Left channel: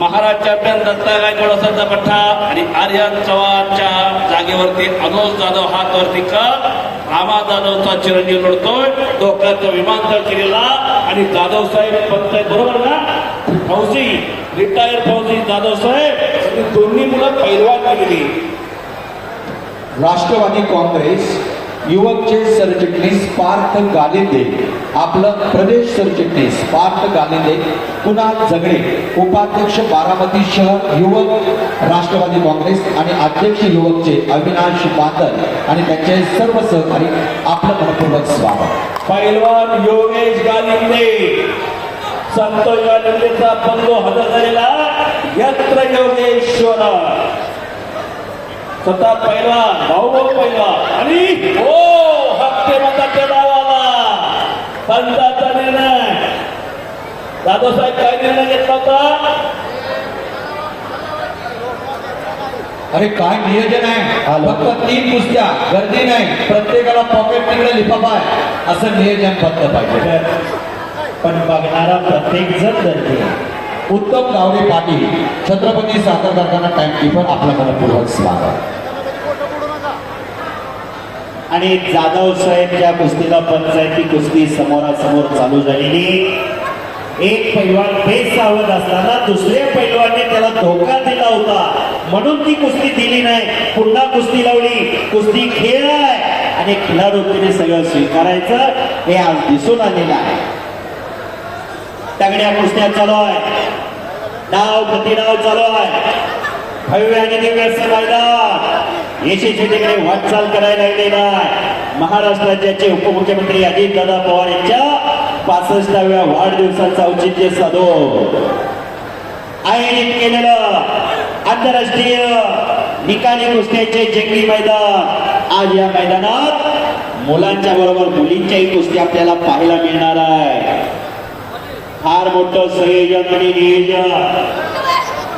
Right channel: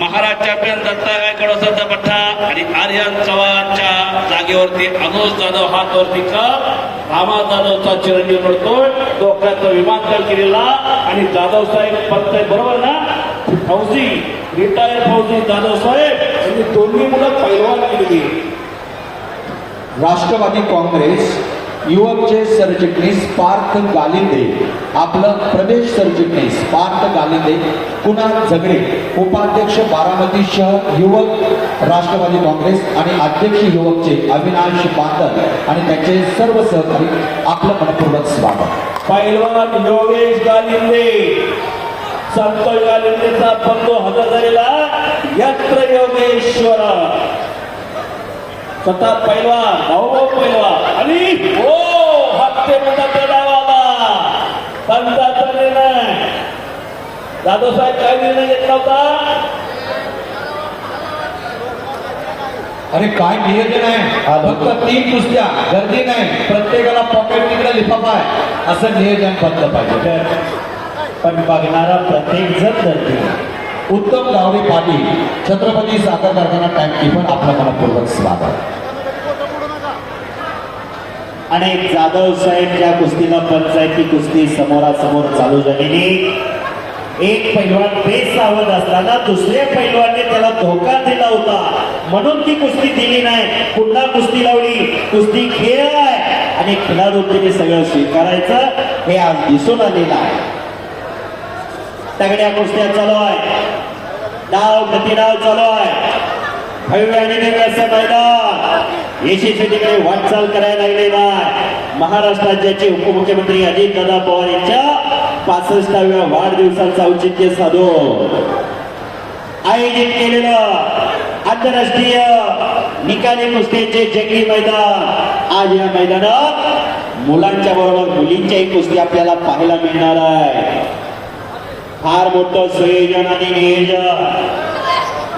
Maharaj champion Datta Gaikwad वसंत पठ्ठा आणि आर्यन चव्हाणच्या जागेवरती अनुज जाधव हातवरती का रामा जाधवचा चिरंजीव लढतोय. डोक्याचं विमानतळ केलेला आणि जाधव साहेब फक्त बरोबर ना फौजी रिटायर्ड फौजी जाधव साहेब यांनी दोन्ही मुलं पैलवान केलेली. राष्ट्रवादी काँग्रेस युवकचे सरचिटणीस पार्थ गालिंदे, आपलं प्रदेश सरचिटणीस पार्थ गालिंदे, कुणाल झगडे उपाध्यक्ष बारामती शहर युवक राष्ट्रवादी काँग्रेस आणि अध्यक्ष युवकचे अविनाश बांदल आणि त्यांचे सर्व सहकारी आपलं मनपूर्वक स्वागत. पैलवान योगेश गालिंदे, संतोष गालिंदेचा बंधू हजर झालेला यत्र योगेश्वर स्वतः पहिला भाऊ पहिला आणि हो हप्ते म्हणतात त्या डावाला पंचाचा निर्णय. दादा साहेब काय निर्णय घेतला होता? अरे काय नियोजन आहे, फक्त 3 कुस्त्या, गर्दी नाही, प्रत्येकाला पॉकेट तिकडे लिफाफा आहे असं नियोजन पद्धत पाहिजे. पण बघणारा प्रत्येक जण गर्दी. उत्तम गावडे पाटील छत्रपती साखर कारखाना टाइमकीपर आपलं मनपूर्वक स्वागत. आणि जाधव साहेबच्या कुस्तीला पंचायती कुस्ती समोरासमोर चालू झालेली. एक पैलवान बेसावध असताना दुसऱ्या पैलवानने त्याला धोका दिला होता म्हणून ती कुस्ती दिली नाही. पुन्हा कुस्ती लावली. कुस्ती खेळ आहे आणि खेळाडूंनी सगळं स्वीकारायचं हे आज दिसून आलेलं आहे. तगड्या कुस्त्या चालू आहे, डाव प्रतिडाव चालू आहे. हळूहळू मैदान यशस्वी काही वाटचाल करायला लागले नाही. महाराष्ट्र राज्याचे उपमुख्यमंत्री अजितदादा पवार यांच्या 65व्या वाढदिवसाचं औचित्य साधून आयोजित केलेलं आंतरराष्ट्रीय निकाली कुस्तीचे जंगी मैदान. आज या मैदानात मुलांच्या बरोबर मुलींच्याही कुस्ती आपल्याला पाहायला मिळणार आहे. फार मोठं संयोजन आणि नियोजन.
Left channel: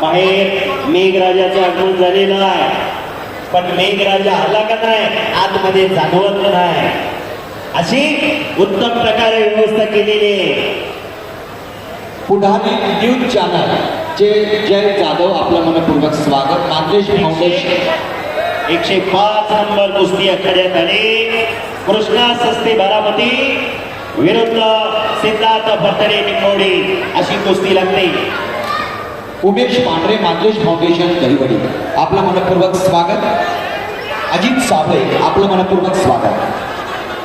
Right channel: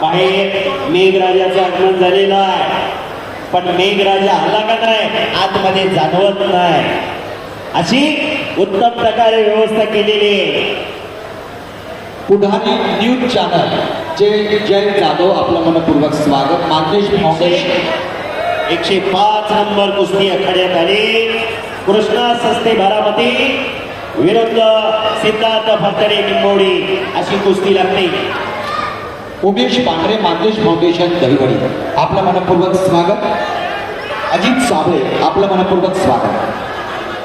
बाहेर मेघराजाचं आगमन झालेलं आहे पण मेघराजा आला का नाही आतमध्ये जाणवत नाही अशी उत्तम प्रकारे व्यवस्था केलेली. पुढारी न्यूज चॅनल चे जय जाधव आपलं मनपूर्वक स्वागत. मार्गेश फाउंडेशन 105 नंबर कुस्ती आखाड्यात आली. कृष्णा सस्ते बारामती विरुद्ध सिद्धार्थ फरतडे निंबोडी अशी कुस्ती लागते. उमेश पांढरे मार्गेश फाउंडेशन दहिवडी आपलं मनपूर्वक स्वागत. अजित साबळे आपलं मनपूर्वक स्वागत.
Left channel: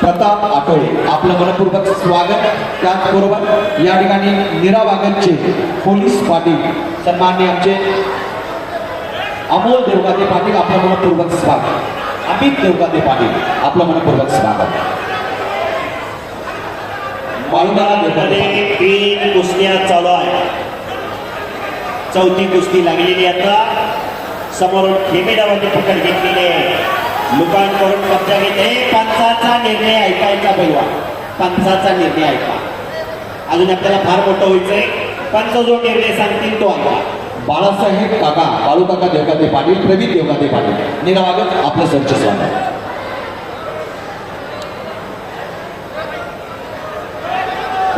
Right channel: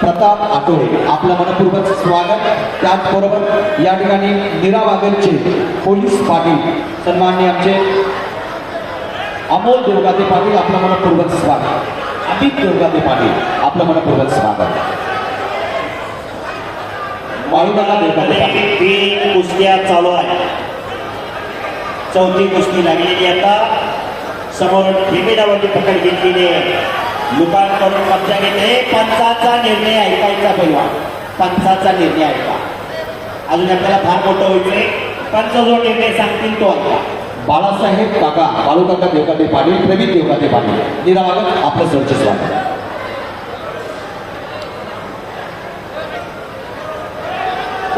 प्रताप आठवळे आपलं मनपूर्वक स्वागत. त्याचबरोबर या ठिकाणी नीरा वागदचे पोलीस पाटील सन्माननीय आमचे अमोल देवगाते पाटील आपलं मनपूर्वक स्वागत. अमित देवगाते पाटील आपलं मनपूर्वक स्वागत. वायुदाना देवगाते पाटील. 3 कुस्त्या चालू आहे. चौथी कुस्ती लागलेली. आता समोर ठेकेदारांनी पकड घेतलेली आहे. लुकान करून कब्जा घेते. पंचाचा निर्णय ऐकायचा पैलवान. पंचाचा निर्णय ऐका. अजून आपल्याला फार मोठं व्हायचंय. पंच जो निर्णय सांगतील तो ऐका. बाळासाहेब काका बाळूकाका देवगाते पाटील प्रवीण देवगाते पाटील निरावागत आपलं सरचे स्वागत.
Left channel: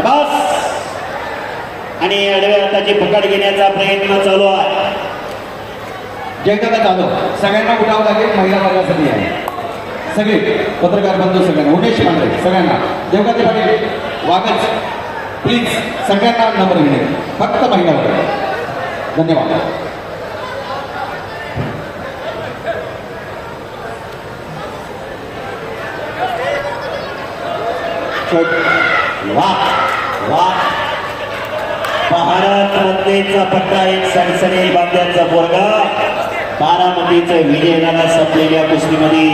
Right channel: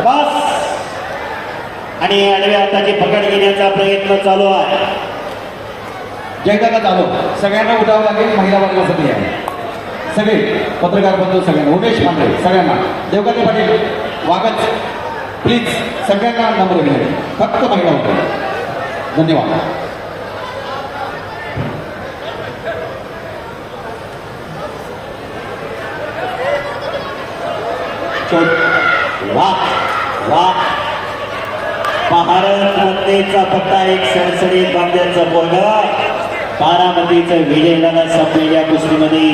बस आणि आडव्या हाताची पकड घेण्याचा प्रयत्न चालू आहे. जयकाका चालू सगळ्यांना उठावं लागेल. महिला वर्गासाठी आहे सगळे पत्रकार बंधू सगळ्यांना. उमेश पांढरे सगळ्यांना. देवगाते पाटील वागत प्लीज सगळ्यांना नंबर घेणे फक्त महिला वर्ग. धन्यवाद. वाह वाह. भारत रत्नेचा पट्टा एक सणसणीत बांध्यांचा पोरगा. बारामतीचं विजय लढा संपलेल्या कुस्तीमध्ये.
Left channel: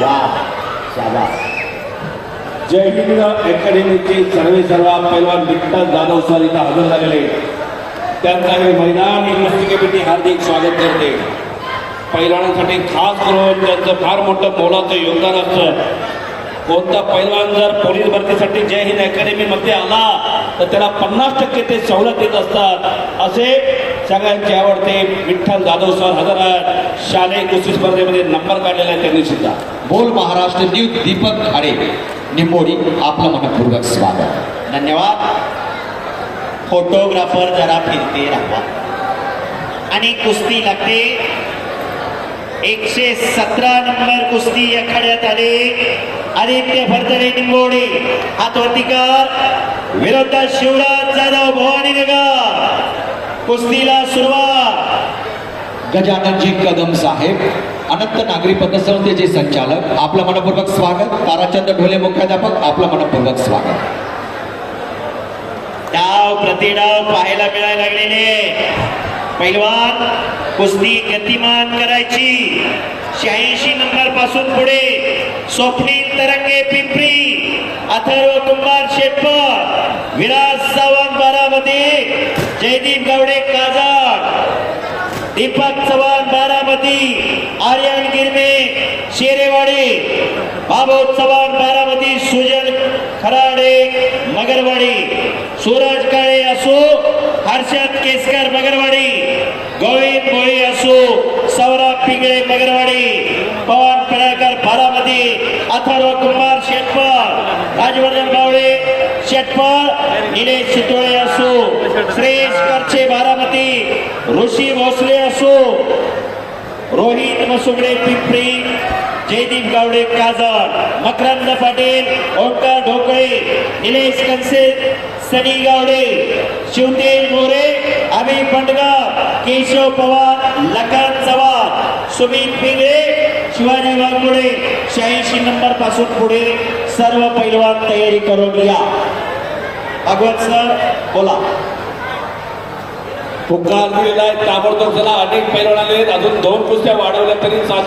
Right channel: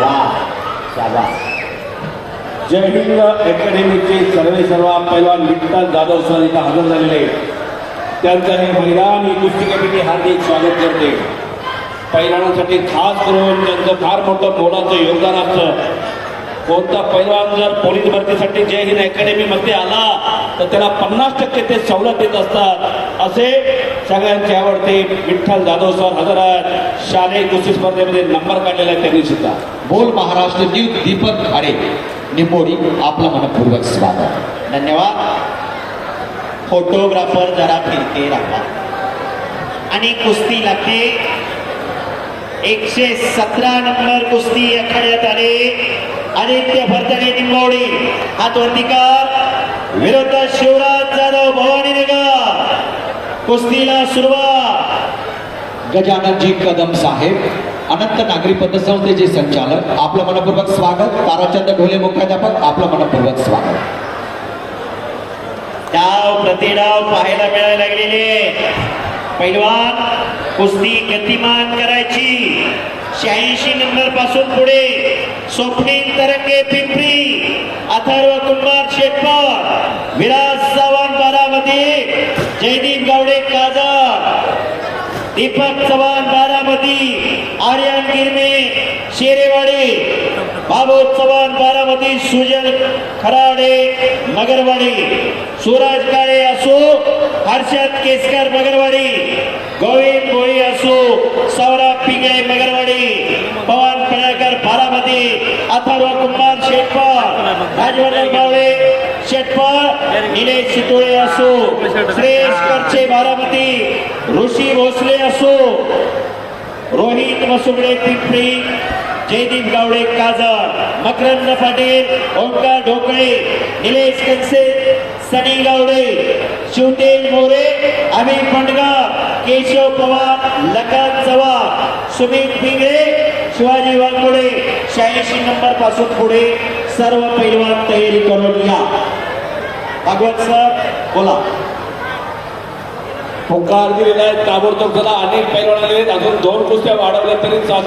वाह शाबास. जय हिंद अकॅडमीचे सर्व पैलवान विठ्ठल जाधव सर इथं हजर झालेले. त्यांचा हे मैदान ही कुस्ती कमिटी हार्दिक स्वागत करते. पैलवानांसाठी खास करून त्यांचं फार मोठं मोलाचं योगदान असतं. कोणता पैलवान जर पोलीस भरतीसाठी जय हिंद अकॅडमीमध्ये आला तर त्याला 50% ते सवलत देत असतात. असे सगळ्यांचे आवडते विठ्ठल जाधव सर हजर आहेत. शालेय कुस्ती स्पर्धेमध्ये नंबर काढलेला आहे त्यांनी सुद्धा. बोल महाराष्ट्र न्यूज दीपक खाडे निंबोडी आपलं मनपूर्वक स्वागत. धन्यवाद. फोटोग्राफर जरा फिरते राहा आणि कुस्ती लागते 117 नंबर कुस्ती आखाड्यात आले आदित्य भरतने निंबवडी हात वरतीकर विरोधात शिवराज जाधव भवानीनगर कुस्तीला सुरुवात गजाननजी कदम साहेब अनंत नागरी पतसंस्थेचे संचालक आपलं मनपूर्वक स्वागत ताराचंद ढोले मुख्याध्यापक आपलं मनपूर्वक स्वागत डाव प्रतिडाव पाहायला मिळायला लागलेले पैलवान कुस्ती गतिमान करायची 86 नंबर पासून पुढे स्वप्नील तरंगे पिंपरी अथर्व कुमार शेटकर विराज सावंत बारामती जयदीप गावडे काजळ दीपक चव्हाण बारामती आर्यन गिरमे शेरेवाडी बाबू चव्हाण बारामती सुजल खराडे मगरवाडी सूरज काळे असो हर्षद केसकर मगरवाडी गोविंद भोई असो सौरभ पिंगळे मगरवाडी पवन पळेकर बारामती अथर्व कुमार शेटकर राजवर्धन गावडे शेटकर निलेश चितोळे असो श्रेष करचे बारामती ऋषी भोसले असो रोहित मसुगडे पिंपरी जयदीप गावडे काजळ मकरंद पाटील ओंकार ढोकळे निलेश कंसे सनी गावडे शिवतेज मोरे अमित पंडगाव केशव पवार लकात चव्हाण सुमित पिंगळे शिवाजी वाघमोडे 86 नंबर पासून पुढे सर्व पैलवान तयारी करून या भागवत सर बोला पुकार दिलेला आहे ताबडतोब. चला अनेक पैलवान आले, अजून 2 कुस्त्या वाढवल्या तरी चालतील.